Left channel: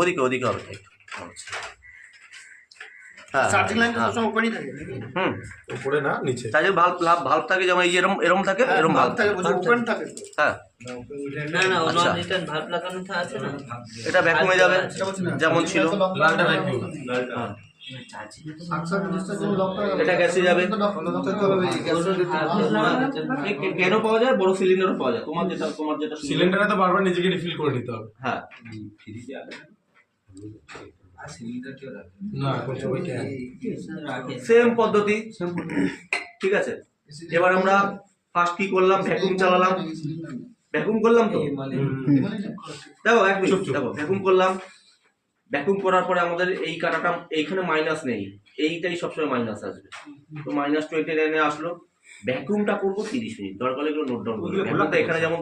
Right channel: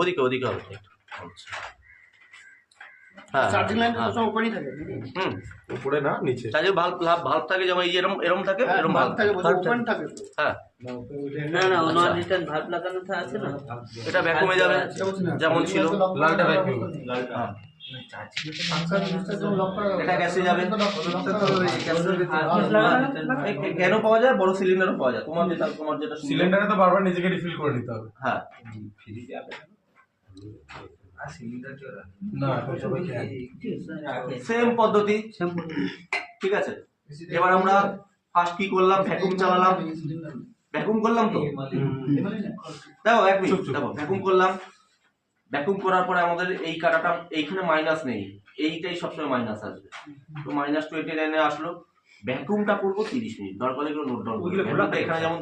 ওদিকে ওদিকে হবে। হ্যাঁ, চার্জিং লাইন তো সবসময় ওপেনই থাকে। উপরে না নিচে? চার্জিং ভাল্ব থাকে, যেমন এই যে এরকম এরকম থাকে, এরকম ভাল্ব থাকে, ওপেন থাকে। হ্যাঁ, না না আচ্ছা। রিটার্ন ভাল্ব লাগানো আছে না, এটা ভ্যাকুমে যাবে যেমন ছিল। লালটা ভ্যাকুয়াম। হ্যাঁ, এটা গ্যাসে যাবে। কেন পাওয়া যায়? বড় সিলিন্ডারও পাওয়া যায়। তোমার যেটা সিলিন্ডারে তো বারবার নিজেকে রিফিল করে নিতে হবে। হ্যাঁ, না এখন সবাই ক্যান। সেম পদ্ধতি। ঠিক আছে, এবার আমরা ফার্স্ট কি করলাম? ভ্যাকুম চালালাম। ভ্যাকুম করলাম তো, দেখো এক মিনিট, দেখো ভ্যাকুম করলাম। ভ্যাকুম করার পরে আমাদের এই কাটাটা এইখানে মাইনাস নেই, এইটাই সবসময় মাইনাস আসবে। তো -29 আসলো। ভ্যাকুমটা করবো 30 মিনিট। দরকার হলে এগুলো নোট ডাউন করবে। ভ্যাকুমটা এখানে যেমন